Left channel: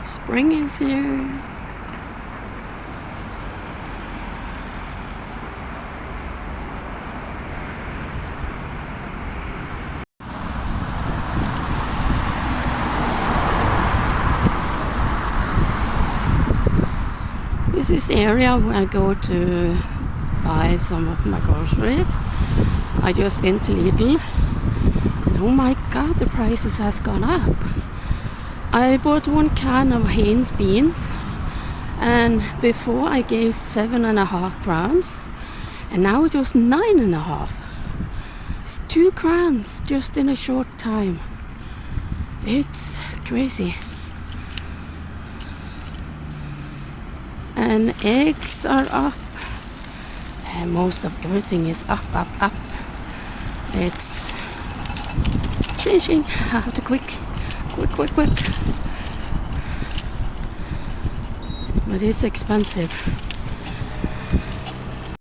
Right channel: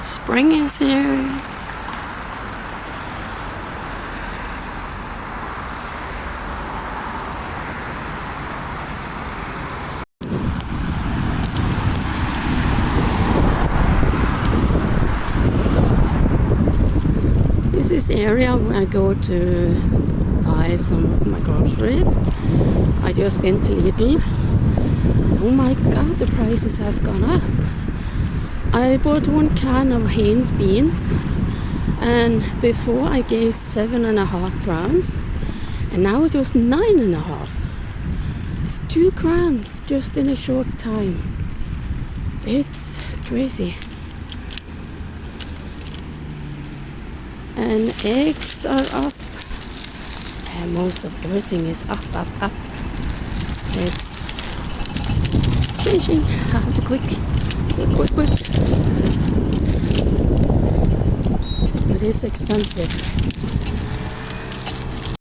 Spring is here. This is the area where I go to buy some of my groceries. I just been to Lidl. Oh my god, the prices has gone up. I bought 1 can of Heinz beans, and before I gave 7.5 crowns, and now it was 9.5. It's 2 crowns just in a short time. It's crazy. And eggs are up. And most of everything is up. It's changing. I have to quick. It is expensive.